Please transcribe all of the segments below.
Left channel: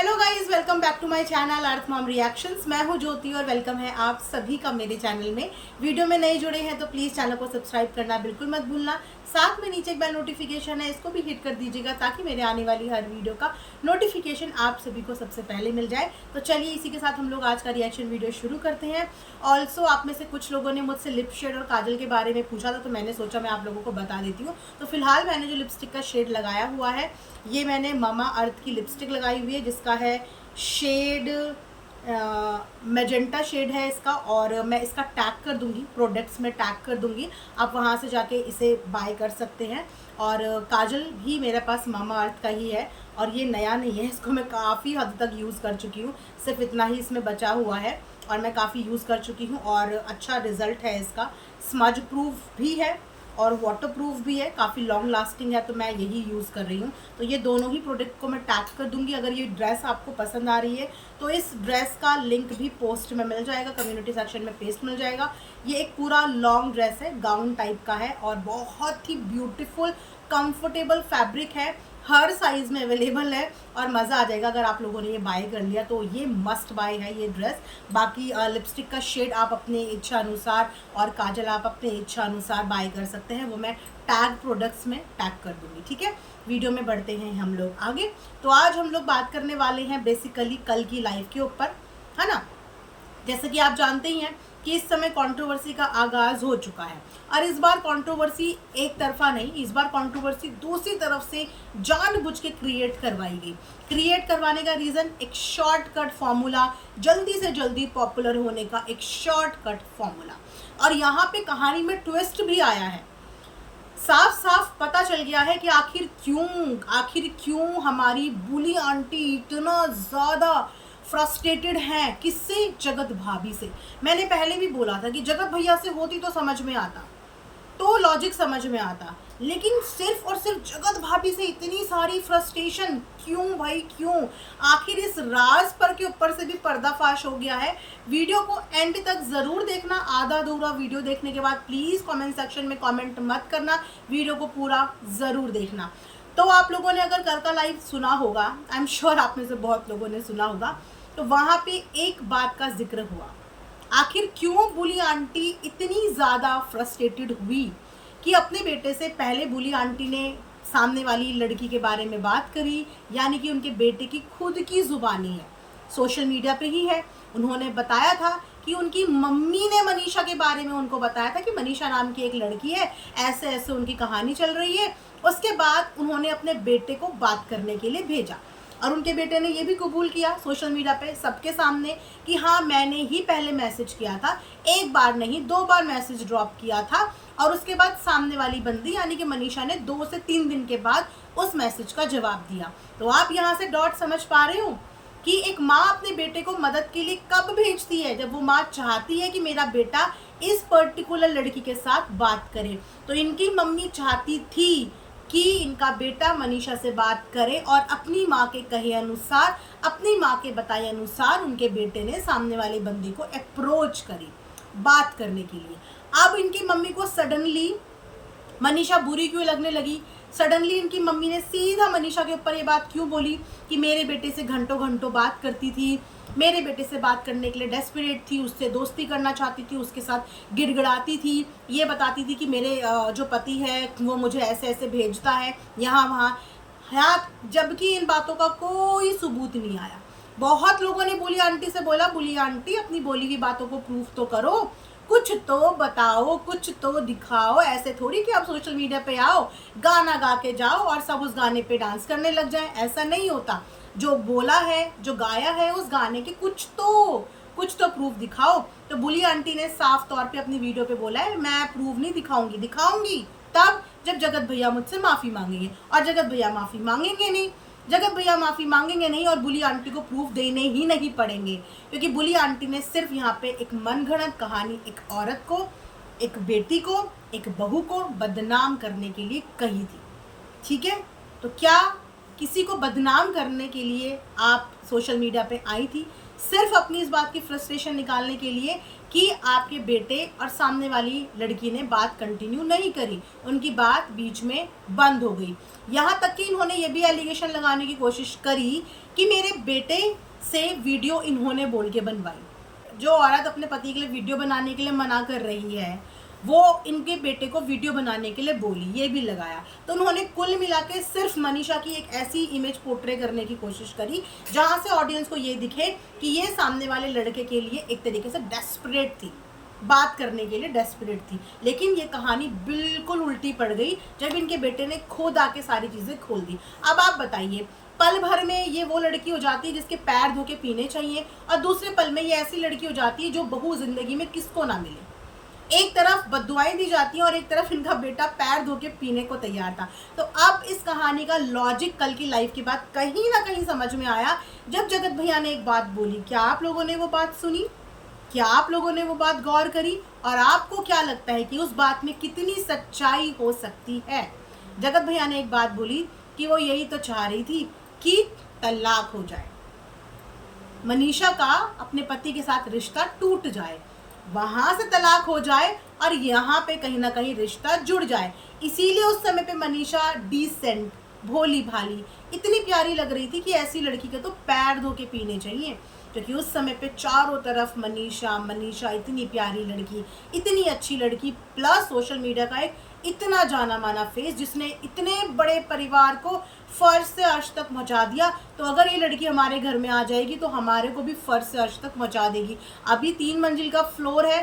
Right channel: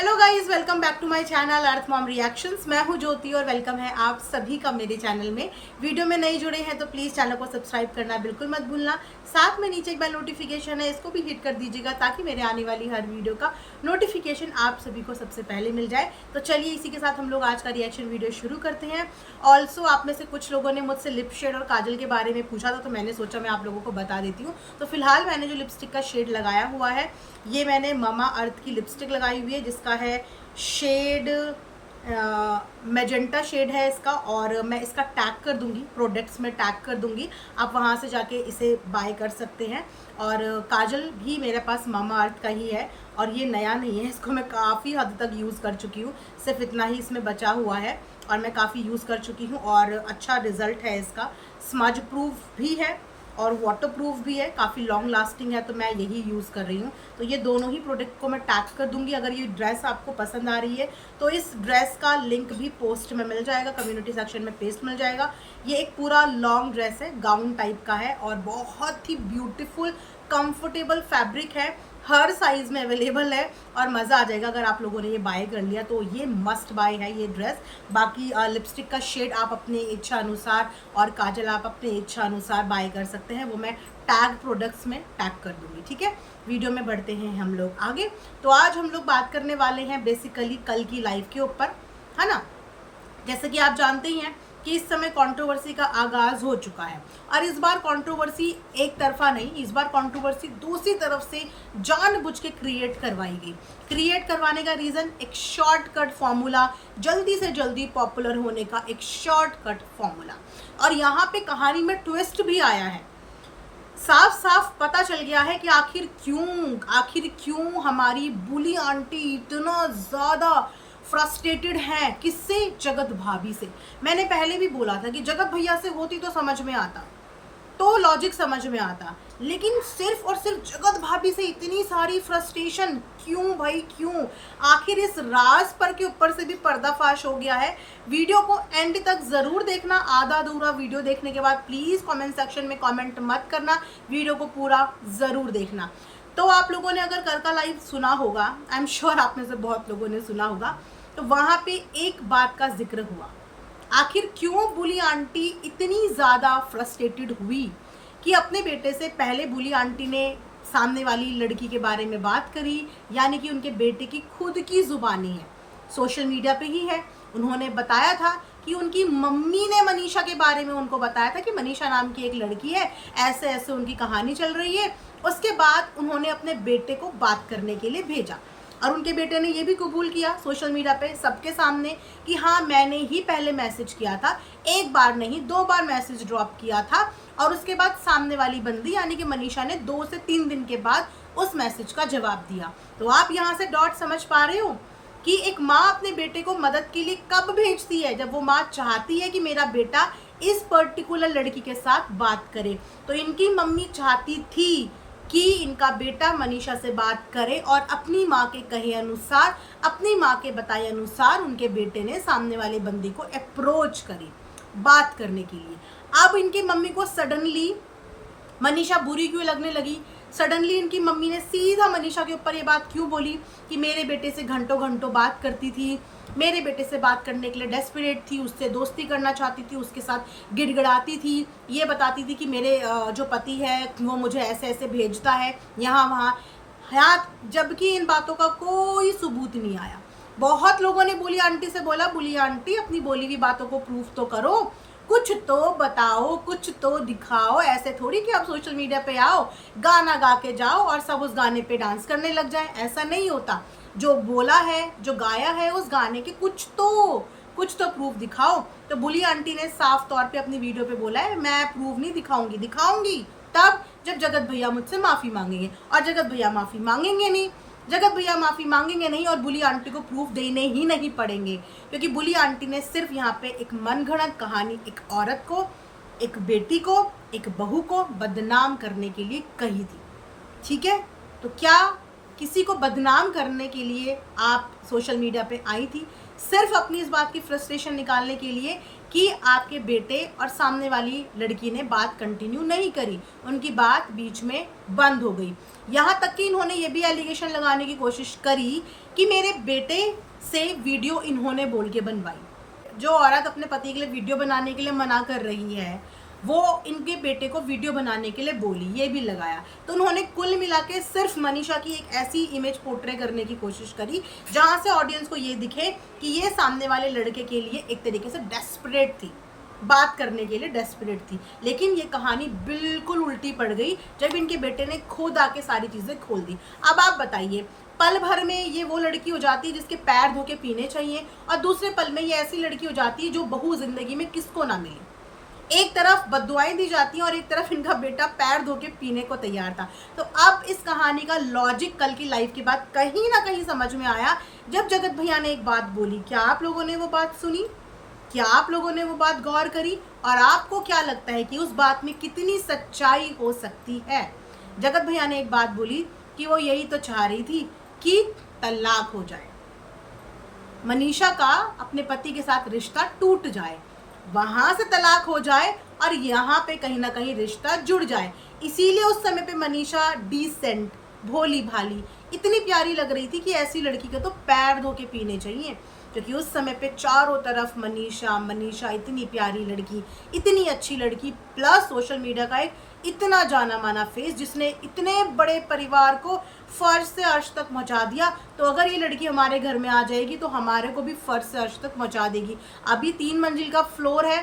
Hello guys, welcome back to my channel Earth Mom reactions. मैं हूं ज्योति और welcome है आप सभी का मेरे चैनल में। वीडियो में नए जुड़े हैं तो प्लीज़ चैनल को सब्सक्राइब करना बिल्कुल मत भूलना। साथ में नीचे एक बेल नोटिफिकेशन है, इसको भी हिट कर दीजिएगा ताकि मेरे आने वाली हर वीडियो का नोटिफिकेशन आप सभी को सबसे पहले मिल जाए। तो चलिए इसी के साथ हम लोग आज का रिएक्शन वीडियो शुरू करते हैं। ऑल्सो आप में से कुछ लोगों ने मुझसे लिप शेड और काजल के बारे में पूछा था, तो मैंने सोचा मैं आप लोगों को बता देती हूँ। तो फिलहाल मैंने जो लिपस्टिक का शेड लगाया हुआ है, ये मैंने मामा अर्थ की लिपस्टिक लगाई हुई है, जिसका है शेड मैजेंटा शेड है इसका। और मैं इसका टैग कर दूंगी, प्रोडक्ट्स में टैग कर दूंगी, आप वहाँ से जाके इसे बाय कर सकते हैं। और काजल भी मेरे पास मामा अर्थ का ही है और ये नया नहीं है, इसको मैं काफ़ी हद तक यूज़ कर चुकी हूँ। सिर्फ इतना ही इसमें बचा हुआ है और मैं काफ़ी यूज़ कर चुकी हूँ और अच्छा रिजल्ट है इसका। स्मज प्रूफ भी है और वाटर प्रूफ भी है, काफ़ी लॉन्ग लास्टिंग है, तो मैं यही यूज़ कर रही हूँ। तो ये दोनों ही प्रोडक्ट को मैं टैग कर दूंगी। अगर ये ड्रेस आपको पसंद आ रही है तो इस ड्रेस का लिंक भी पोस्ट में मिल जाएगा, कम्युनिटी सेक्शन में पेस्ट मिल जाएगा। ये एक पूरा लॉन्ग ड्रेस है, गाउन टाइप का है और बहुत ही ब्यूटीफुल कंफर्टेबल फैब्रिक है, हर साइज़ में अवेलेबल है और मज़ा आ जाएगा। अगर आप लोगों ने ये बाय कर लिया तो ये मस्ट बाय है ये ड्रेस। बाकी लिपस्टिक का शेड आप अपनी इच्छा अनुसार और काजल आप अपनी इच्छा अनुसार बाय कर सकते हैं, वो मैं टैग प्रोडक्ट्स में टैग कर दूंगी। ठीक है, वीडियो में बढ़ते हैं हम लोग आगे। तो आज हम लोग बात करने वाले हैं बेसिकली कल की लाइफ के ऊपर, है ना। जैसे कि आप जानते ही हैं कि इस समय कंट्रोवर्सी का आगाज हो चुका है और इस बार कंट्रोवर्सी एक तरफा नहीं, इस बार कंट्रोवर्सी दूसरी तरफ से जानबूझ के क्रिएट करवाई गई। क्रिएट करवाने का रीज़न एक शॉर्टकट फॉर्मूला, जल्दी से जल्दी पॉपुलर होने का एक शॉर्टकट फॉर्मूला। और यहाँ पे कहानी में ट्विस्ट भी आया है। साफ साफ पता चल गया है कि आखिर क्यों हमारी बुली आंटी इतना ज़्यादा फ्रस्ट्रेटेड हैं। किससे? जगत भाभी से। मैंने पहले भी बोला था कि जगत भैया से होती तो समझ में आता, तो लॉजिक समझ में आता, लेकिन सिर्फ और सिर्फ जगत भाभी से इतनी सारी फ्रस्ट्रेशन क्यों भाई, क्यों? आखिर इस राज पर के ऊपर से भी पर्दाफाश हो गया है। वीडियो को एंड तक जरूर देखना। आधा अधूरा वीडियो देखने के बाद प्लीज कमेंट सेक्शन में कमेंट मत करना, वीडियो को पूरा जरूर देखना। तो आप लोगों ने अगर कल का लाइव सुना होगा, आई एम श्योर आप में से बहुत लोगों ने सुना होगा, तो वहां पे एक बात का जिक्र हुआ। आखिर क्यों बुली आंटी इतनी ज़्यादा फ्रस्ट्रेटेड हुई कि अपने बेटे से पहले बुली आंटी ने सामने वाली लड़की के बारे में बात करी, यानी कि उनके बेटे की खुद की ज़ुबानी है, सोशल मीडिया पे ही है। उन्होंने बताया था कि उनकी मम्मी ने मनीषा के बारे में उनको बताया था कि मनीषा नाम की एक लड़की है, ऐसे ऐसे उनकी कहानी चल रही है। उसके बाद उन्होंने अपने बेटे को बात करने के लिए भेजा और उनके बेटे ने ये भी कबूल किया सोशल मीडिया पे सबके सामने कि हाँ, मैंने ही पहले मैसेज किया था, एक बार नहीं 2 बार मैसेज ड्रॉप किया था। और उसके बाद सामने वाली बंदी यानी कि मनीषा ने 2 से 3 दिन के बाद उस मैसेज का जवाब दिया। तो आप यहाँ से डॉट समझ पा रहे हो कि एक माँ अपने बेटे को मदद के लिए कब भेजती है? जब वो माँ चाहती है कि मेरा बेटा इस पर्टिकुलर लड़की के साथ बात करे। तो इनकी मम्मी चाहती थी कि इनका बेटा मनीषा से बात करे और अपनी माँ के कहे अनुसार, अपनी माँ के बताए अनुसार उनके बेटे ने सामने वाले बंदी को अप्रोच करी बात करने के लिए। अब इनकी मम्मी को सडनली मनीषा बुरी क्यों लगने लगी? सडनली इनकी मम्मी ने सीधा मनीषा के ऊपर ये बात क्यों बोली कि मेरे बेटे से घंटों घंटों बात करती थी, मेरे बेटे से बात करने के लिए डेस्परेट थी, उससे दोस्ती करना चाहती थी, उसके साथ गिड़गिड़ाती थी, ये बताती थी कि मेरे जो पति है वो मुझे ऐसे ऐसे भेजता है यहाँ वहाँ, जबकि इन बातों का कोई सबूत नहीं आया। बहुत लोगों ने बुली आंटी से बोला, बुली आंटी अपनी बोली हुई बातों को प्रूफ तो करो, कुछ तो बताओ, कुछ तो दिखाओ। ऐसे थोड़ी कि आप सोशल मीडिया पे आओ, गाना गा के जाओ और सब उस गाने पे डांस करने लग जाएं, ऐसा नहीं होता। जो बोला है, जो गाया है उस गाने के कुछ तो प्रूफ दिखाओ। तो बुली आंटी ने साफ तौर पे अपनी वीडियो पे बोला है, मैं प्रूफ नहीं दिखाऊंगी तब जब जगत भैया मुझसे माफ़ी मांगेंगे। और जगत भैया माफ़ी मांगेंगे नहीं और बुली आंटी को प्रूफ देने ही नहीं पड़ेंगे, क्योंकि बुली आंटी ने सिर्फ यहाँ पे एक मनगढ़ंत कहानी एक औरत को, एक बेटी को, एक बहू को बदनाम करने के लिए कही थी। ठीक है, तो क्या किसी को बदनाम करने के लिए आप सोशल मीडिया पे आई थी? सिर्फ अपनी इस बात की फ्रस्ट्रेशन निकालने के लिए कि आपके बेटे और सामने वाली लड़की ने बात कंटिन्यू नहीं करी, उनकी बात बीच में बंद हो गई। यहाँ तक कि इन्होंने ये भी एलिगेशन लगाने की कोशिश करी कि मेरे बेटे से वीडियो इन्होंने बोल के बनवाई। जो औरत अपने पति के लिए वीडियो बनाने के लिए मना कर रही है, वो इनके बेटे को वीडियो बनाने के लिए बोली, ये भी लगाया। तो उन्होंने कुल मिला के सिर्फ मनीषा की एक ऐसी इमेज पोर्ट्रे करने की कोशिश करी जहां से ऑडियंस को ये दिखे कि ये सामने वाले लड़के के लिए एक तरीके से डेस्परेट थी, बात करने के लिए डेस्परेट थी। लेकिन ये कहानी बिल्कुल उल्टी पड़ गई जब इनके बेटे ने खुद आके सारी चीज़ें खोल दी। अब आप बताइए, पल भर में ये वो लड़की हो जाती है जिसके पैर धो के पीने चाहिए, और दूसरे पल में ये ऐसी लड़की हो जाती है जो बहू जिंदगी में किसको ना मिले। एक तरफ बद्दुआएं दी जाती हैं और एक तरफ इनका बेटा पैर धो के पीने को तैयार था। तो अब इस कहानी का लॉजिक कल की लाइफ के बाद कहीं ना कहीं समझ में आया जब जगत भैया ने एक बात बोली। क्या आप लोगों ने वो बात सुनी? क्या आप लोगों ने वो बात गौर करी? और आपको क्या लगता है कि उस बात में कितनी सच्चाई हो सकती है? जगत भैया ने एक बात बोली कि वो यही तो चाह रही थी कि तलाक हो जाए, मनीषा का अपने पति के साथ रिश्ता टूट जाए, वहां से तलाक हो जाए और यहाँ पे कहीं ना कहीं रिश्ता जुड़ जाए। इसीलिए उस समय पे मनीषा डिसेंट, भोली भाली, इतनी प्यारी लग रही थी कि ऐसी लड़की के तो पैर धो के पीने चाहिए। क्योंकि उस समय पे चारों तरफ मनीषा मनीषा, इतनी प्यारी लड़की, इतनी अच्छी लड़की, प्लस सोशल मीडिया का एक इतना जाना माना फेस जिसने इतने बड़े परिवार को फर्श से अर्श तक पहुंचा दिया। तो अगर ये लड़की हमारे घर में आ जाएगी तो हमारे को भी फर्श से अर्श तक पहुंचा देगी। अभी 3 मंजिल का फ्लोर है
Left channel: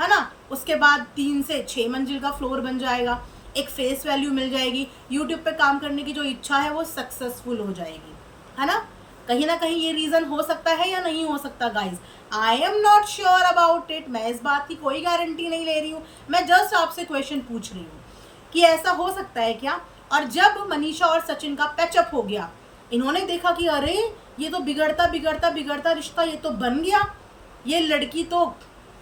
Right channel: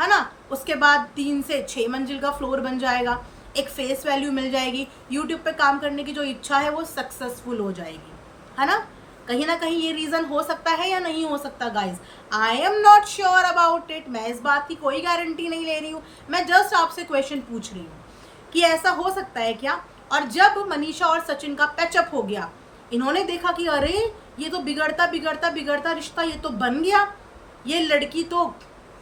ना, उसके बाद 3 से 6 मंजिल का फ्लोर बन जाएगा, एक फेस वैल्यू मिल जाएगी, यूट्यूब पे काम करने की जो इच्छा है वो सक्सेसफुल हो जाएगी, है ना। कहीं ना कहीं ये रीजन हो सकता है या नहीं हो सकता guys, I am not sure about it. मैं इस बात की कोई गारंटी नहीं ले रही हूँ, मैं जस्ट आपसे क्वेश्चन पूछ रही हूँ कि ऐसा हो सकता है क्या। और जब मनीषा और सचिन का पैचअप हो गया, इन्होंने देखा कि अरे ये तो बिगड़ता बिगड़ता बिगड़ता रिश्ता ये तो बन गया, ये लड़की तो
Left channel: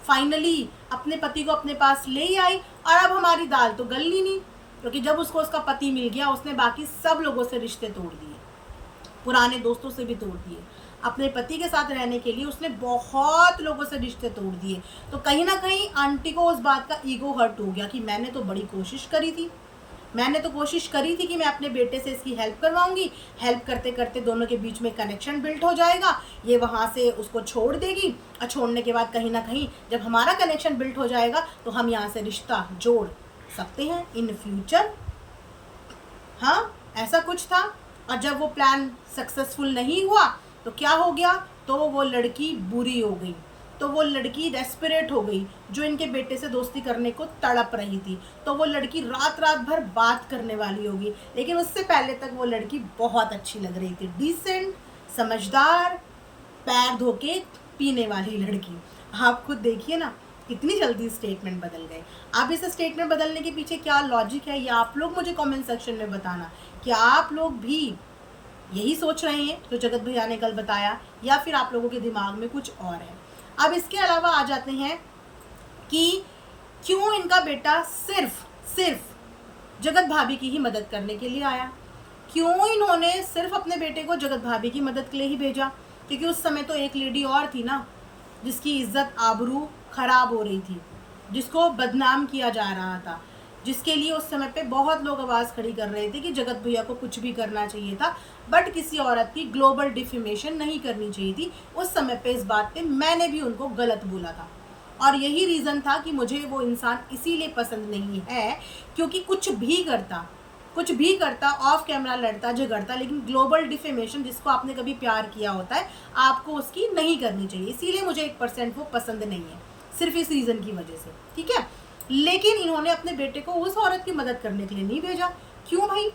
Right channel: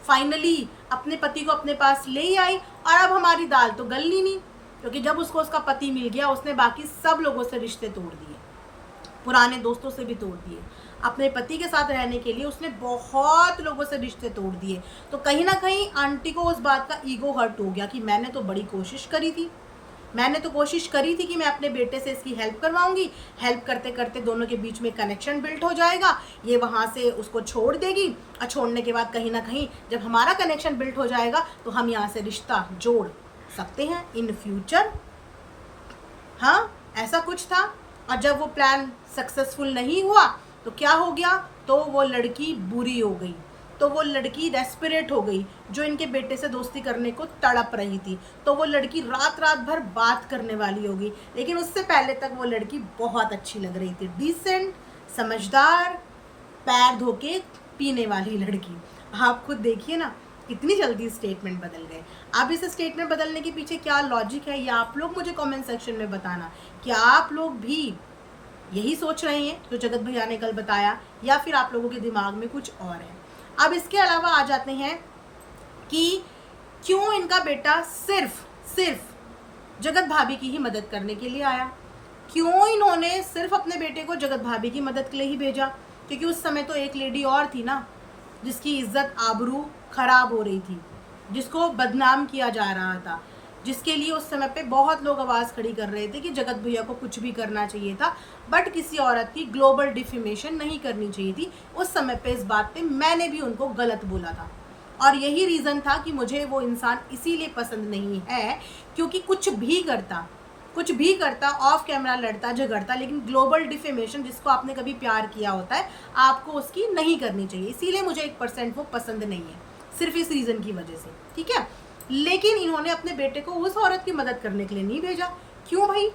फाइनली अपने पति को अपने पास ले ही आई, और अब हमारी दाल तो गलनी नहीं। क्योंकि जब उसको उसका पति मिल गया, उसने बाकी सब लोगों से रिश्ते तोड़ दिए, पुराने दोस्तों से भी तोड़ दिए, अपने पति के साथ रहने के लिए उसने बहुत लोगों से रिश्ते तोड़ दिए। तो कहीं ना कहीं आंटी को उस बात का ईगो हर्ट हो गया कि मैंने तो बड़ी कोशिश करी थी, मैंने तो कोशिश करी थी कि मैं अपने बेटे से इसकी हेल्प करवाऊंगी, हेल्प करते करते दोनों के बीच में कनेक्शन बिल्ड हो जाएगा, ये वहाँ से उसको छोड़ देगी, और छोड़ने के बाद कहीं ना कहीं जब हमारा कनेक्शन बिल्ड हो जाएगा तो हम यहाँ से रिश्ता जोड़ सकते हैं इन फ्यूचर। हाँ, ऐसा कुछ था। और जब वो प्लान सक्सेसफुल नहीं हुआ तो क्या हो गया, तो वो लड़की बुरी हो गई, तो वो लड़की डेस्परेट हो गई जो इनके बेटे से दोस्ती करने को तड़प रही थी। तो वो लड़की रात रात भर बात करने वाली होगी, लेकिन उससे पहले तक वो लड़की बहुत अच्छी लग रही थी, डिसेंट, समझदार, पैर धो के पीने वाली लड़की। आप खुद देखिए ना कितनी जल्दी स्टेटमेंट बदल गए। अब इस स्टेटमेंट बदलने के पीछे क्या लॉजिक है, ये आप लोग मुझे कमेंट सेक्शन में बताना। क्या आप लोग भी यही सोच रहे हैं जो जगत भैया ने कल बताया, या फिर आप लोगों के दिमाग में कुछ और है? अब इसके अलावा आ जाते हैं कि क्यों इनका बेटा सिर्फ जगत भाभी की ही मदद करने के लिए आया। क्यों इन्होंने सिर्फ अपने बेटे को जगत भाभी की मदद के लिए ही भेजा? क्योंकि उस समय तो एक लेडी और थी ना जिसकी इज्जत आबरू खराब हो रही थी, जिसको बदनाम किया जा रहा था, जिसके लिए उस समय पे बहुत लोग आवाज़ खड़ी कर रहे थे कि जगत भैया को कुछ भी करना चाहिए था, बट किसी औरत की ग्लोबल डिफेमेशन नहीं करनी चाहिए थी। उस समय पे इस बात पे मैंने भी उनको गलत बोला था, और यही रीज़न था कि मुझे वो इंसान इसीलिए पसंद नहीं है क्योंकि कुछ भी करता ऑफ कैमरा लड़ता झगड़ता, लेकिन ग्लोबल डिफेमेशन जिसको आपने कभी प्यार किया होता है आपको उसकी नहीं करनी चाहिए। इसीलिए मुझे 1% वो पसंद नहीं है, सिर्फ इस रीज़न की वजह से, ठीक है। लेकिन इन्होंने अपने बेटे को उस औरत की मदद करने के लिए नहीं भेजा। क्यों भाई?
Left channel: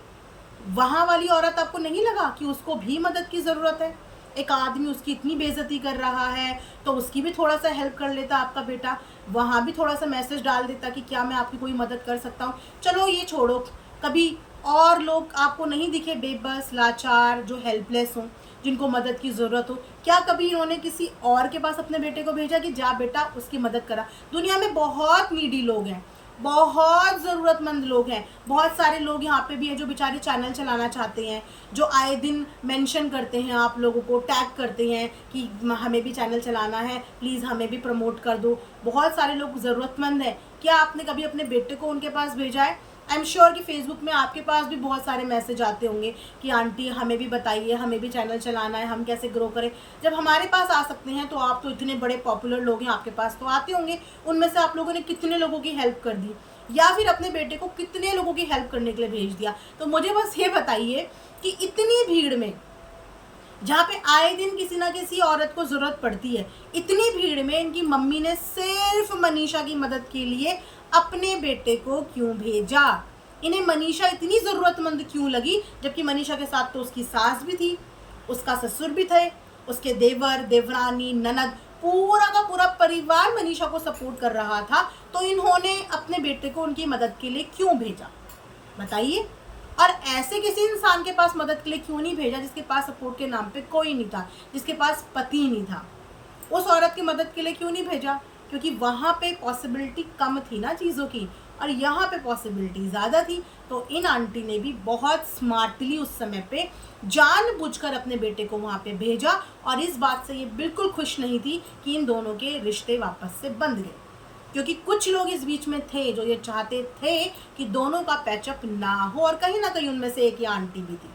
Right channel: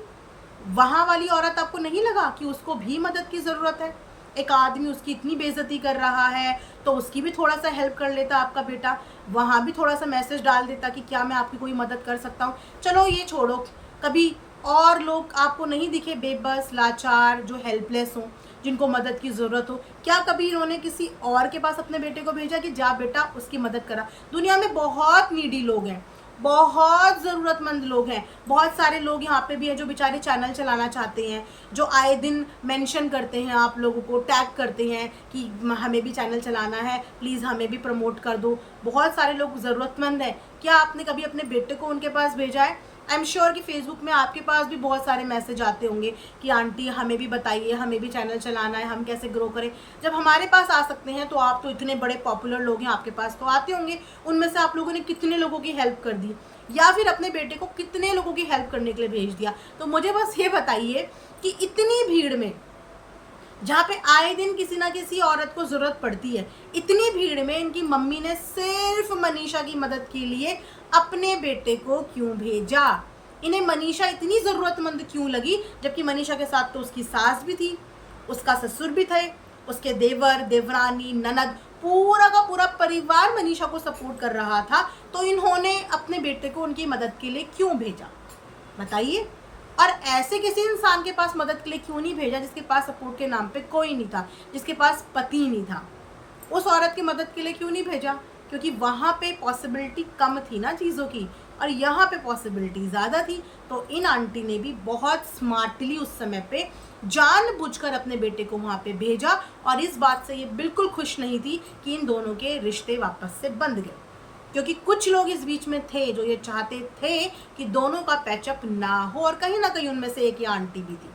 वहाँ वाली औरत आपको नहीं लगा कि उसको भी मदद की ज़रूरत है? एक आदमी उसकी इतनी बेइज्जती कर रहा है तो उसकी भी थोड़ा सा हेल्प कर लेता आपका बेटा, वहाँ भी थोड़ा सा मैसेज डाल देता कि क्या मैं आपकी कोई मदद कर सकता हूँ। चलो ये छोड़ो, कभी और लोग आपको नहीं दिखे बेबस, लाचार, जो हेल्पलेस हों, जिनको मदद की ज़रूरत हो? क्या कभी इन्होंने किसी और के पास अपने बेटे को भेजा कि जा बेटा उसकी मदद करा? दुनिया में बहुत नीडी लोग हैं, बहुत ज़रूरतमंद लोग हैं। बहुत सारे लोग यहाँ पे भी हैं जो बेचारे चैनल चलाना चाहते हैं, जो आए दिन मेंशन करते हैं, आप लोगों को टैग करते हैं कि हमें भी चैनल चलाना है, प्लीज़ हमें भी प्रमोट कर दो। बहुत सारे लोग ज़रूरतमंद हैं। क्या आपने कभी अपने बेटे को उनके पास भेजा है? आई एम श्योर कि फेसबुक में आपके पास भी बहुत सारे मैसेज आते होंगे कि आंटी हमें भी बताइए, हमें भी चैनल चलाना है, हम कैसे ग्रो करें। जब हमारे पास आ सकते हैं तो आप तो इतने बड़े पॉपुलर लोग हैं, आपके पास तो आते होंगे। उनमें से आप लोगों ने कितने लोगों की हेल्प कर दी, या फिर अपने बेटे को कितने लोगों की हेल्प करने के लिए भेज दिया। तो मुझे बस ये बताइए कि इतनी भीड़ में, जहाँ पे आए दिन किसी ना किसी औरत को ज़रूरत पड़ती है, इतनी भीड़ में इनकी मम्मी ने सिर्फ मनीषा की मदद के लिए अपने बेटे को क्यों भेजा? इन्हें मनीषा इतनी ज़रूरतमंद क्यों लगी? जबकि मनीषा के साथ तो उसकी सास भी थी, उसका ससुर भी थे, उसके देवर, देवरानी, ननद, पूरा का पूरा परिवार मनीषा को सपोर्ट कर रहा था। तो इन्होंने अपने बेटे को उनकी मदद के लिए क्यों भेजा? बताइए। और ऐसे किसी इंसान के पास मदद के लिए क्यों नहीं भेजा जिसके पास सपोर्ट के नाम पे कोई नहीं था, जिसके पास पति नहीं था? उस औरत की मदद के लिए क्यों नहीं भेजा? क्योंकि वहाँ पे पॉसिबिलिटी कम थी ना चीज़ों की, और यहाँ पे पॉसिबिलिटी ज़्यादा थी। तो इन आंटी ने भी बहुत स्मार्टली उस समय पे जानबूझकर अपने बेटे को वहाँ पे भेजा, और इस बात से ये बिल्कुल खुश नहीं थी कि इन दोनों के रिश्ते वापस से बंध गए। क्योंकि कुछ लोग इस बीच में थे जो ये चाहते थे कि दोनों का पैचअप ना हो, और कहीं ना कहीं उनमें से एक ये आंटी भी थी।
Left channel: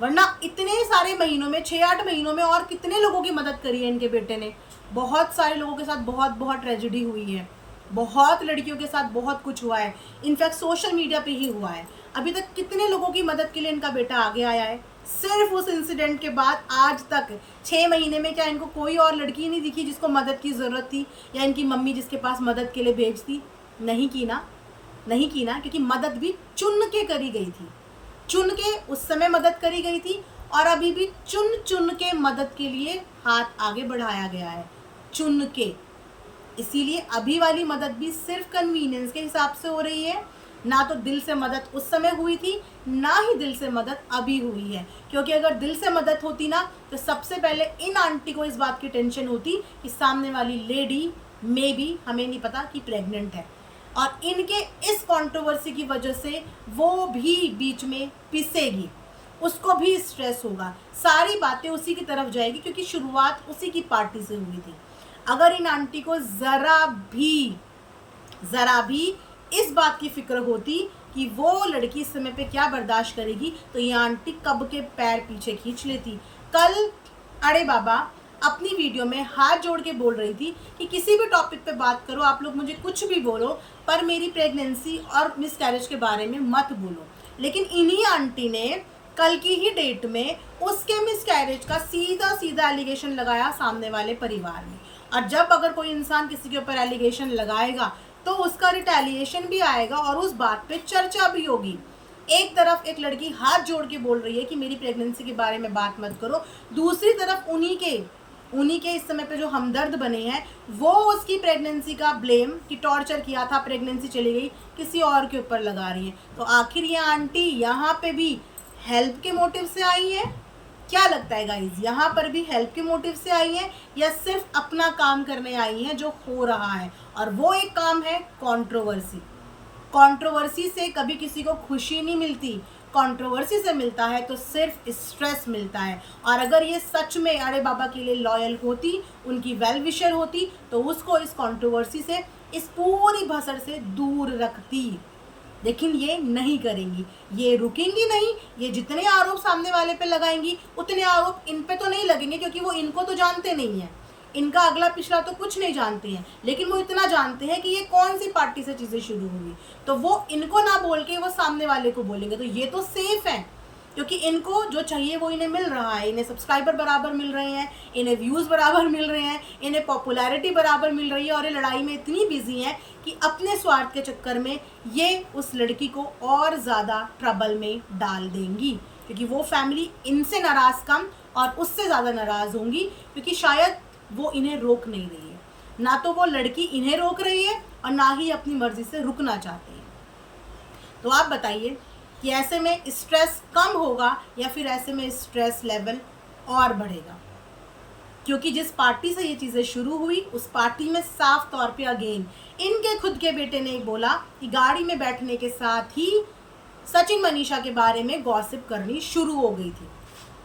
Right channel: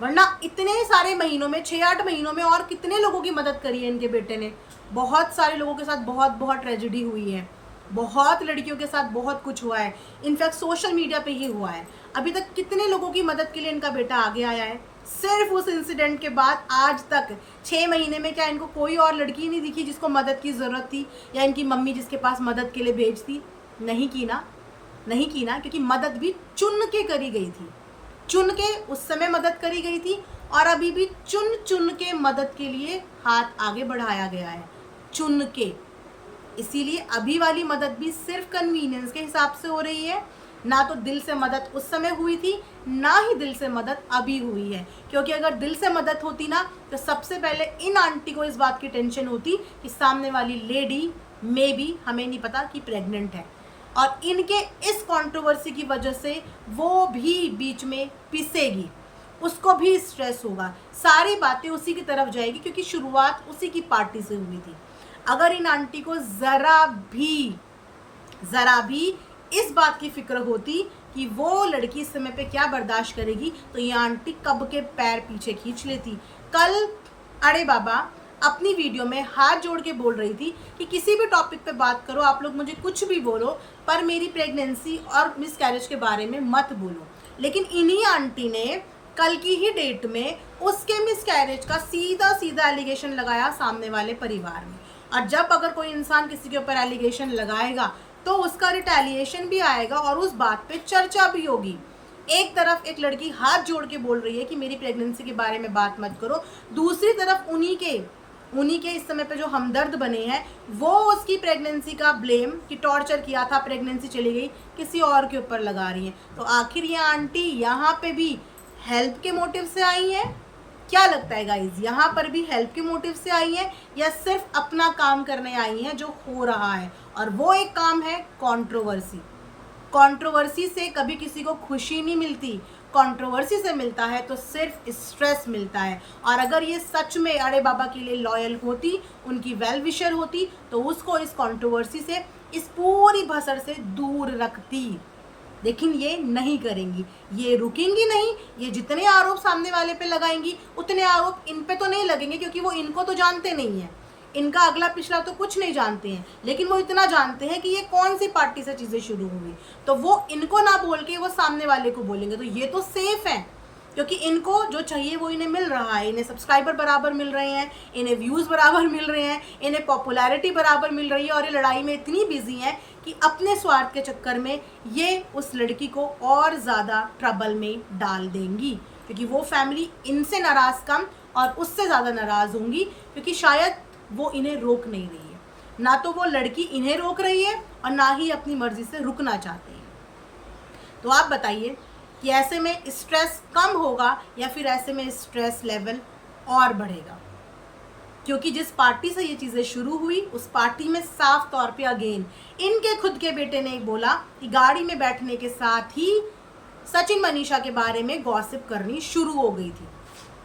वरना इतने सारे महीनों में, 6-8 महीनों में और कितने लोगों की मदद करी है इनके बेटे ने। बहुत सारे लोगों के साथ बहुत बहुत ट्रेजेडी हुई है, बहुत लड़कियों के साथ बहुत कुछ हुआ है। इनफैक्ट सोशल मीडिया पे ही हुआ है। अभी तक कितने लोगों की मदद के लिए इनका बेटा आगे आया है। सिर्फ उस इंसिडेंट के बाद आज तक 6 महीने में क्या इनको कोई और लड़की नहीं दिखी जिसको मदद की ज़रूरत थी, या इनकी मम्मी जिसके पास मदद के लिए भेजती? नहीं की ना, नहीं की ना, क्योंकि मदद भी चुन के करी गई थी। चुन के उस समय मदद करी गई थी, और अभी भी चुन चुन के मदद के लिए हाथ आगे बढ़ाया गया है, चुन के। इसीलिए अभी वाली मदद भी सिर्फ कन्वीनियंस के हिसाब से हो रही है। ना तो दिल से मदद उस समय हुई थी, ना ही दिल से मदद अभी हुई है। क्योंकि अगर दिल से मदद होती ना, तो सबसे पहले इन आंटी को इस बात की टेंशन होती कि सामने वाली लेडी मे बी, हमें नहीं पता, कि प्रेग्नेंट है, और इनके इस कंट्रोवर्सी की वजह से वो भी बीच में पिसेगी, उसको भी स्ट्रेस होगा, सारी बातें उसी की तरफ जाएगी, क्योंकि शुरुआत उसी की पार्टी से हुई थी। अगर इन आंटी को ज़रा भी इस बात की फिक्र होती कि वो लड़की इस समय पे क्या बर्दाश्त करेगी, तो ये आंटी कब के पैर पीछे खींच लेती। कल अरे बाबा अपनी वीडियो में हाथ जोड़ के बोल रही थी कि किसी भी टॉपिक पे बात करो, आप लोग मुझे कुछ भी बोलो, पर मेरी प्रेगनेंसी और मिसकैरेज के बारे में मत बोलो। लेकिन इन्हीं आंटी ने कल की ही डेट में उसके मिसकैरेज का सीधा सीधा एलिगेशन लगाया सामने वाले परिवार में। और जब अगर कोई इंसान किसी के ऊपर एलिगेशन लगाएगा तो उसका रिटेलिएशन भी आएगा, और उस बात पे चर्चा भी होगी। एक तरफ एक लड़की हाथ जोड़ के बोल रही है कि मेरी प्रेगनेंसी के बारे में बात मत करो, दूसरी तरफ उन्हीं के इस समय पे जो हमदर्द बने हैं वो उसकी प्रेगनेंसी का ब्लेम, कि टॉर्चर किया था, प्रेगनेंसी चली गई, किसी और के ऊपर लगा रही हैं। तो आखिर ये आंटी यहाँ पे भी हेल्प के मोटिव से आई है? क्या लगता है गाइज, यहाँ पर भी हेल्प के मोटिव से आई हैं, या सिर्फ अपना काम करने आई हैं जो हो रहा है? और वो एक काम है कंट्रोवर्सी। कंट्रोवर्सी से कभी किसी को खुशी नहीं मिलती, कंट्रोवर्सी से मिलता है तो सिर्फ स्ट्रेस मिलता है। और अगर ये सच में अरे बाबा के लिए लॉयल होती, उनकी वेल विशर होती, तो उसको इस कंट्रोवर्सी से, इस पूरी भसड़ से दूर रखती। लेकिन ये नहीं करेंगी, ये रुकेंगी नहीं। ये जितने आरोप सामने वाले पे लगाएंगी उतने आरोप इन पे तो नहीं लगेंगे, क्योंकि वो इनको तो जानते नहीं हैं, इनका अगला पिछला तो कुछ नहीं जानते हैं। लेकिन वो इतना जानते हैं कि ये कौन सी पार्टी से चीज़ें शुरू हुई, तो वो इनको ना बोल के वो सामने वाले को बोलेंगे, तो ये तो सेफ है। क्योंकि इनको जो चाहिए वो इन्हें मिल रहा है, इन्हें सब्सक्राइबर बराबर मिल रहे हैं, इन्हें व्यूज़ बराबर मिल रहे हैं, इन्हें पॉपुलैरिटी बराबर मिल रही है, और ये लड़ाई में इतनी बिजी हैं कि अपने स्वार्थ के चक्कर में ये उस लड़की को और ज़्यादा ट्रबल में डाल देंगी। क्योंकि वो फैमिली इनसे नाराज़ कम और उससे ज़्यादा नाराज़ होंगी, क्योंकि शायद वो इन्हें रोक नहीं रही है। ना तो वो लड़की इन्हें रोक रही है, और ना ही अपनी मर्जी से रुकना चाहते हैं। तो आप बताइए कि ऐसे में स्ट्रेस कम होगा या फिर ऐसे में स्ट्रेस लेवल और बढ़ेगा? क्योंकि जिस पार्टी से ये चीज़ें शुरू हुई उस पार्टी में साफ तौर पे अगेन इनके खुद के बेटे ने बोला कि गाड़ी में बैठने के साथ ही सचिन मनीषा के बारे में गॉसिप करनी शुरू हो गई थी।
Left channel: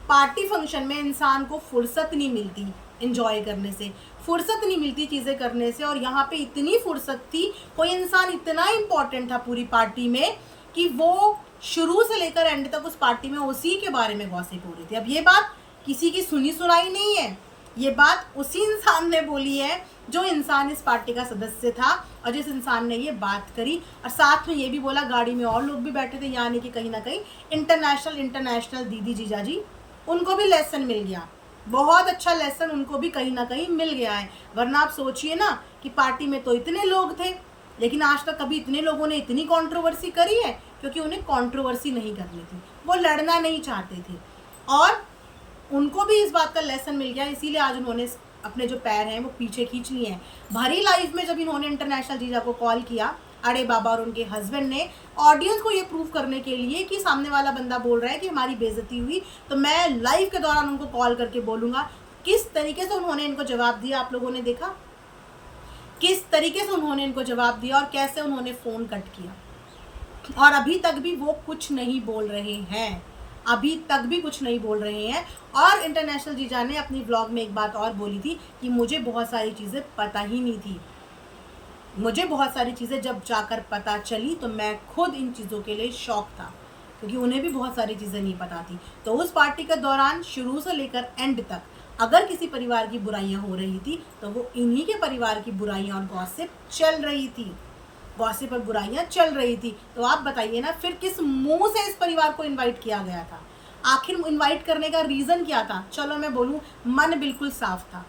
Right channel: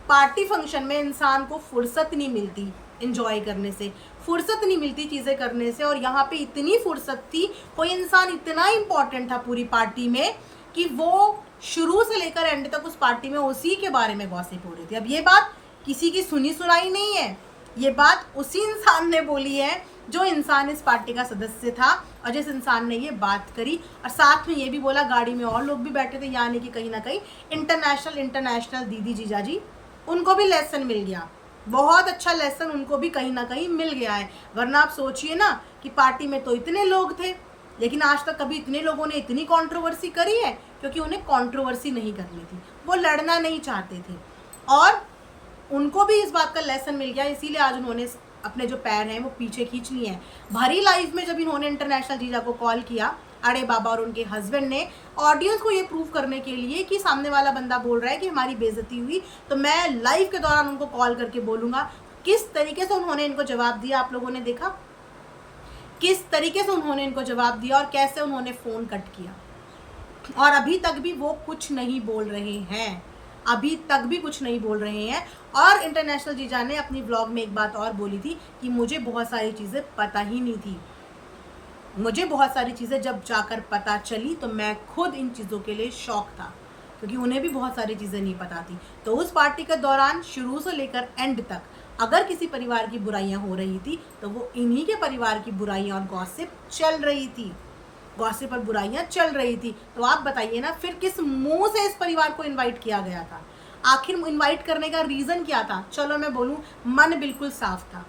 पार्टी फंक्शन में इंसान को फुर्सत नहीं मिलती एंजॉय करने से, फुर्सत नहीं मिलती चीज़ें करने से, और यहाँ पे इतनी फुर्सत थी, कोई इंसान इतना इम्पोर्टेंट था पूरी पार्टी में कि वो शुरू से लेकर एंड तक उस पार्टी में उसी के बारे में गॉसिप हो रही थी। अब ये बात किसी की सुनी सुनाई नहीं है, ये बात उसी इंसान ने बोली है जो इंसान इस पार्टी का सदस्य था और जिस इंसान ने ये बात करी, और साथ में ये भी बोला गाड़ी में और लोग भी बैठे थे, यानी कि कहीं ना कहीं इंटरनेशनल दीदी जीजाजी उनको भी लेसन मिल गया, बहुत अच्छा लेसन उनको भी कहीं ना कहीं मिल गया है। वरना आप सोचिए ना कि पार्टी में तो इतने लोग थे, लेकिन आज तक कभी इतने लोगों ने इतनी कंट्रोवर्सी करी है, क्योंकि उन्हें कंट्रोवर्सी नहीं करनी थी, वो लड़ना नहीं चाहते थे और उनको भी इस बात का लेसन मिल गया। इसीलिए आज उन्होंने अपने जो पैर हैं वो पीछे खींच लिए हैं। भरी लाइफ में जब इन्होंने इंटरनेशनल जीजा को कॉल किया, अड़े बाबा और उनके हस्बैंड ने, ऑडियंस को ये प्रूव करने के लिए कि सामने वाला बंदा बोल रहा है कि हमारी बेइज्जती हुई, तो मैं लाइव के दौरान उनको कॉल करके बोलूँगा। किस तरीके से उन्होंने इनको जवाब दिया आप लोगों ने देखा, किस तरीके से उन्होंने इनको जवाब दिया और कैसे उन्होंने फ़ोन कट किया। और अभी तक भी वो कुछ नहीं बोल रहे हैं, अभी तक भी कुछ नहीं बोल रहे हैं। और इंटरनेशनल जीजा ने अपनी व्लॉग में एक बात और बोली थी कि मुझे बहुत सारी चीज़ें पता ही नहीं थी, मुझे बहुत सारी चीज़ें जब जाकर पता चली तो मैं खुद इन चीज़ों के लिए शॉक था, क्योंकि उन्हें भी बहुत सारी चीज़ें नहीं पता थी। तो उस पार्टी के दौरान शुरू से लेकर एंड तक अगर किसी परिवार की बुराइयां हो रही थी तो वो इन्हीं के परिवार की बुराइयां और गॉसिप चल रही थी, गॉसिप और बुराइयां चल रही थी। तो आप बताइए ना, फिर किस मुंह से इस परिवार को इनवाइट किया गया था? आखिर इनवाइट करने का रीज़न क्या था? चलो मैं बोलूँ, मन बिल्कुल साफ था,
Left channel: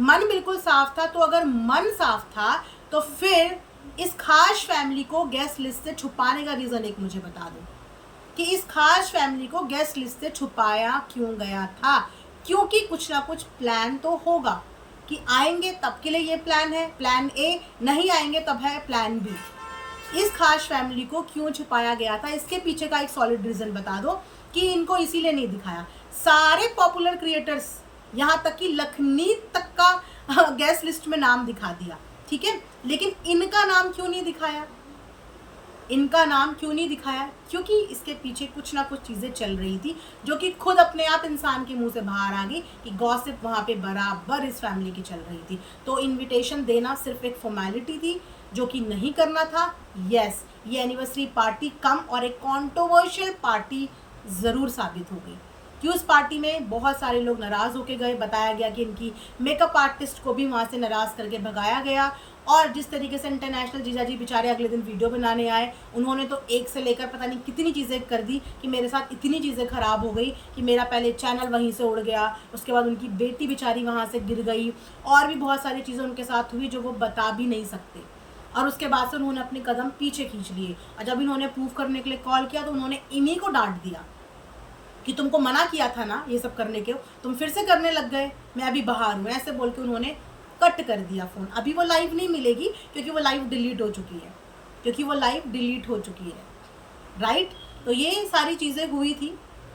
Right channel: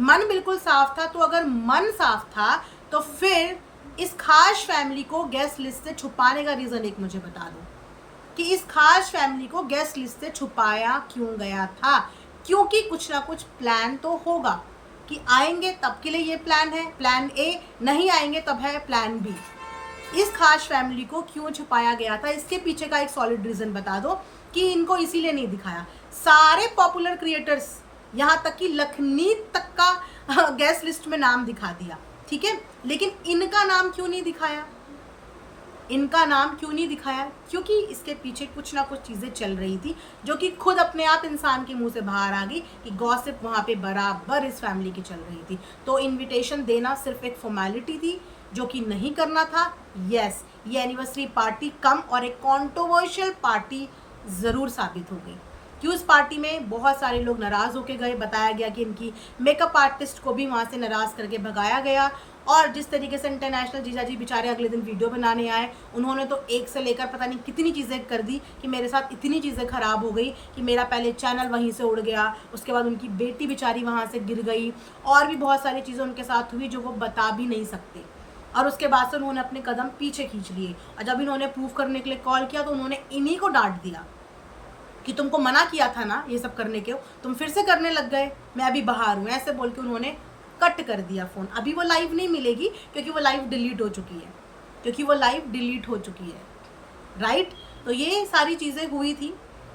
मन बिल्कुल साफ था। तो अगर मन साफ था तो फिर इस खास फैमिली को गेस्ट लिस्ट से छुपाने का रीज़न एक मुझे बता दो कि इस खास फैमिली को गेस्ट लिस्ट से छुपाया क्यों गया था? क्योंकि कुछ ना कुछ प्लान तो होगा कि आएंगे तब के लिए ये प्लान है, प्लान ए, नहीं आएंगे तब है प्लान बी। इस खास फैमिली को क्यों छुपाया गया था, इसके पीछे का एक सॉलिड रीज़न बता दो कि इनको इसीलिए नहीं दिखाया। सारे पॉपुलर क्रिएटर्स, यहाँ तक कि लखनी तक का गेस्ट लिस्ट में नाम दिखा दिया, ठीक है, लेकिन इनका नाम क्यों नहीं दिखाया? इनका नाम क्यों नहीं दिखाया? क्योंकि इसके पीछे कुछ ना कुछ चीज़ें चल रही थी जो कि खुद अपने आप इंसान के मुंह से बाहर आ गई कि गॉसिप वहाँ पे बराबर इस फैमिली की चल रही थी। तो इनविटेशन देना सिर्फ एक फॉर्मेलिटी थी जो कि नहीं करना था। यस, ये एनिवर्सरी पार्टी कम और एक कॉन्ट्रोवर्शियल पार्टी ज़रूर साबित हो गई कि उस पार्टी में बहुत सारे लोग नाराज़ होके गए। बताया गया कि इनकी मेकअप आर्टिस्ट को भी वहाँ से नाराज़ करके भगाया गया। और जिस तरीके से इंटरनेशनल जीजा जी बेचारे अगले दिन वीडियो बनाने आए, उन्होंने तो एक से लेकर पता नहीं कितनी चीज़ें कर दी कि मेरे साथ इतनी चीज़ें ख़राब हो गई कि मेरा पहले चैनल वहीं से उड़ गया, उसके बाद उनकी बेटी बेचारी वहाँ से गिर गई, और भी बहुत सारी चीज़ें उनके साथ हुई जो वो बता भी नहीं सकते। और उसके बाद से उन्होंने अपने कदम पीछे खींच लिए, और जब इन्होंने प्रूव करने के लिए कॉल किया तो उन्होंने इन्हीं को डांट दिया कि तुमको मना किया था ना ये सब करने के, तुम फिर से करने लग गए, मैं अभी बाहर हूँ, ऐसे बोल के उन्होंने कट कर दिया फ़ोन। अभी वो लाइव नहीं मिलेगी क्योंकि वो लाइव डिलीट हो चुकी है, क्योंकि वो लाइव डिलीट हो चुकी है, राइट। तो ये सारी चीज़ें हुई थी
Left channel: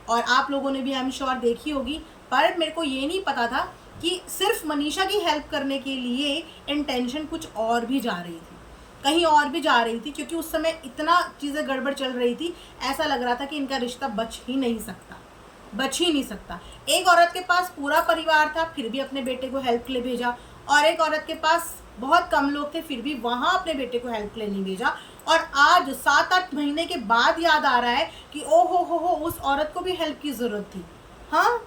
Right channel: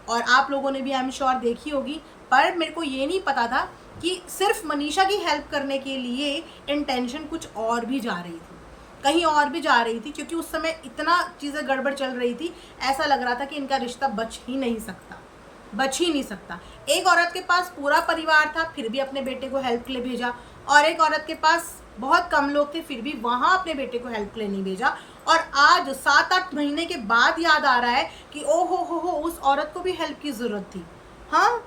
और आप लोगों ने भी आई एम श्योर देखी होगी। पर मेरे को ये नहीं पता था कि सिर्फ मनीषा की हेल्प करने के लिए इंटेंशन कुछ और भी जा रही थी, कहीं और भी जा रही थी, क्योंकि उस समय इतना चीज़ें गड़बड़ चल रही थी, ऐसा लग रहा था कि इनका रिश्ता बच ही नहीं सकता, बच ही नहीं सकता। एक औरत के पास पूरा परिवार था फिर भी अपने बेटे को हेल्प के लिए भेजा, और एक औरत के पास बहुत कम लोग थे फिर भी वहाँ अपने बेटे को हेल्प के लिए नहीं भेजा। और आज 7-8 महीने के बाद याद आ रहा है कि ओ हो उस औरत को भी हेल्प की ज़रूरत थी। हाँ,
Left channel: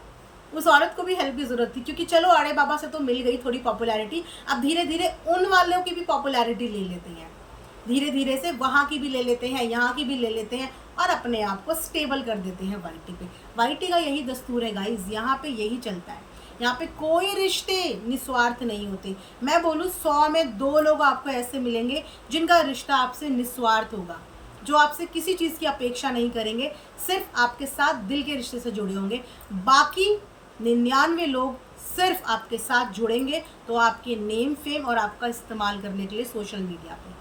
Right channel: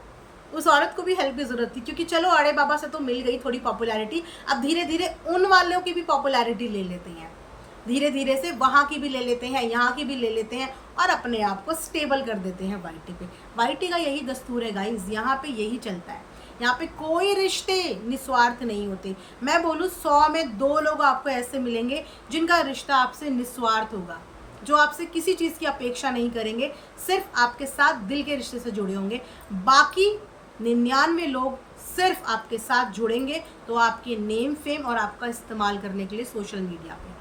उस औरत को भी हेल्प की ज़रूरत थी, क्योंकि चलो अड़े बाबा से तो मिल गई थोड़ी पॉपुलैरिटी, अब धीरे धीरे उन वालों की भी पॉपुलैरिटी ले लेते हैं, धीरे धीरे से वहाँ की भी ले लेते हैं, यहाँ की भी ले लेते हैं, और अपने आप को स्टेबल कर देते हैं वाईटी पे। वाईटी का यही दस्तूर है गाइज, यहाँ पे यही चलता है। यहाँ पे कोई रिश्ते निस्वार्थ नहीं होते। मैं बोलूँ 100 में 2 लोग आपको ऐसे मिलेंगे जिनका रिश्ता आपसे निस्वार्थ होगा, जो आपसे किसी चीज़ की अपेक्षा नहीं करेंगे, सिर्फ आपके साथ दिल के रिश्ते से जुड़े होंगे। बाकी 99 लोग सिर्फ आपके साथ जुड़ेंगे तो आपके नेम फेम और आपका इस्तेमाल करने के लिए सोशल मीडिया पे।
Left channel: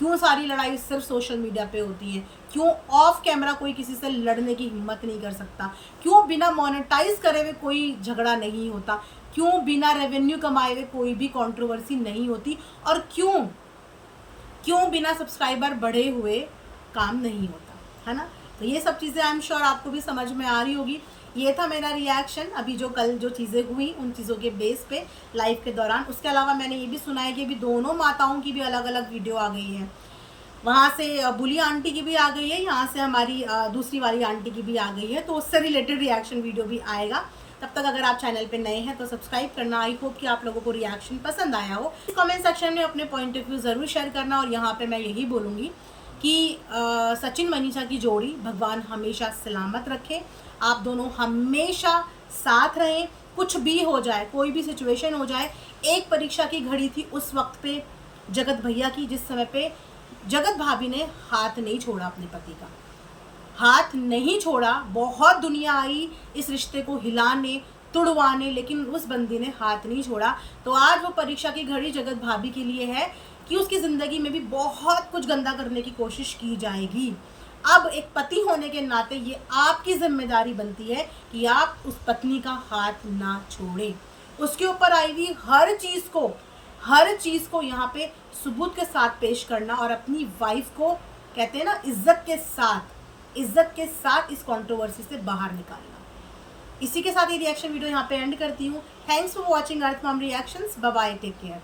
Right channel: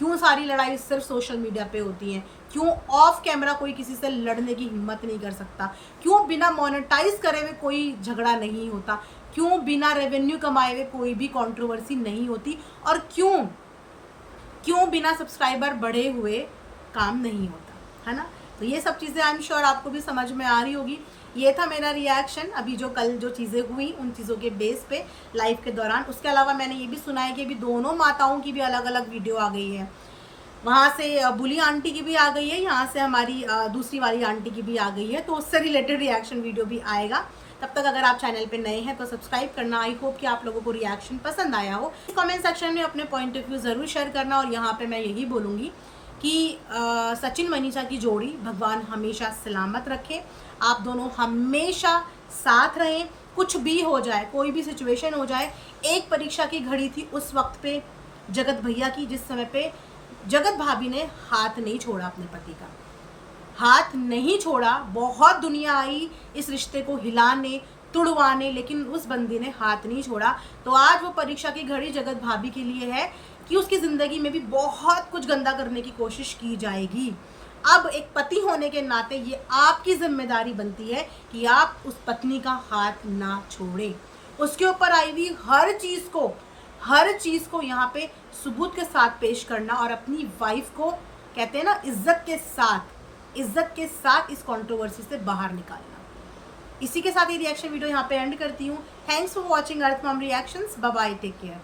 क्यों सारी लड़ाई सिर्फ सोशल मीडिया पे होती है, क्यों ऑफ कैमरा कोई किसी से लड़ने की हिम्मत नहीं कर सकता, क्यों बिना मोनेटाइज करे हुए कोई झगड़ा नहीं होता, क्यों बिना रेवेन्यू कमाए हुए कोई भी कंट्रोवर्सी नहीं होती, और क्यों क्यों बिना सब्सक्राइबर बढ़े हुए काम नहीं होता, है ना। तो ये सब चीज़ें आई एम श्योर आपको भी समझ में आ रही होगी। ये था मेरा रिएक्शन अभी जो कल जो चीज़ें हुई उन चीज़ों के बेस पे लाइव के दौरान। उसके अलावा मैंने ये भी सुना है कि अभी दोनों माताओं की भी अलग अलग वीडियो आ गई है, वहाँ से बुली आंटी की भी आ गई है, यहाँ से हमारी दूसरी वाली आंटी की भी आ गई है, तो उससे रिलेटेड रिएक्शन वीडियो भी आएगा। तब तक अगर आप चैनल पे नए हैं तो सब्सक्राइब करना। आई होप कि आप लोगों को रिएक्शन पसंद आया हो। कमेंट सेक्शन में अपने पॉइंट ऑफ व्यू ज़रूर शेयर करना। और यहाँ पे मैं यही बोलूँगी कि सचिन मनीषा की जोड़ी भगवान हमेशा सलामत रखे, आप दोनों हमेशा साथ रहें, कुछ भी हो जाए, कोई भी सिचुएशन हो जाए। एक परीक्षा की घड़ी थी उस वक्त पे जगत भैया की, जिस समय पे जगत भाभी ने हाथ नहीं छोड़ा, अपने पति का हाथ नहीं छोड़ा। बहुत दुनिया आई इस रिश्ते को हिलाने तुड़वाने, लेकिन उस बंदी ने हाथ नहीं छोड़ा। तो आज वो परीक्षा की घड़ी जगत भाभी के लिए है कि उसकी ज़िंदगी में भी बहुत कुछ गंदा करने की कोशिश की जाएगी। अब एक पति होने के नाते ये आपकी जिम्मेदारी बनती है कि आप उस पत्नी का हाथ ना छोड़ें, उसके ऊपर आई हुई हर चीज़ को यहाँ पे सबूत के साथ पेश करना, और अपनी वाइफ को कहते हैं ना इज्जत के साथ इस कंट्रोवर्सी से बाहर निकालना। इसी के साथ ये रिएक्शन वीडियो यहाँ पे एंड करती हूँ। Thanks for watching Earth Mom reactions. Bye bye, take care.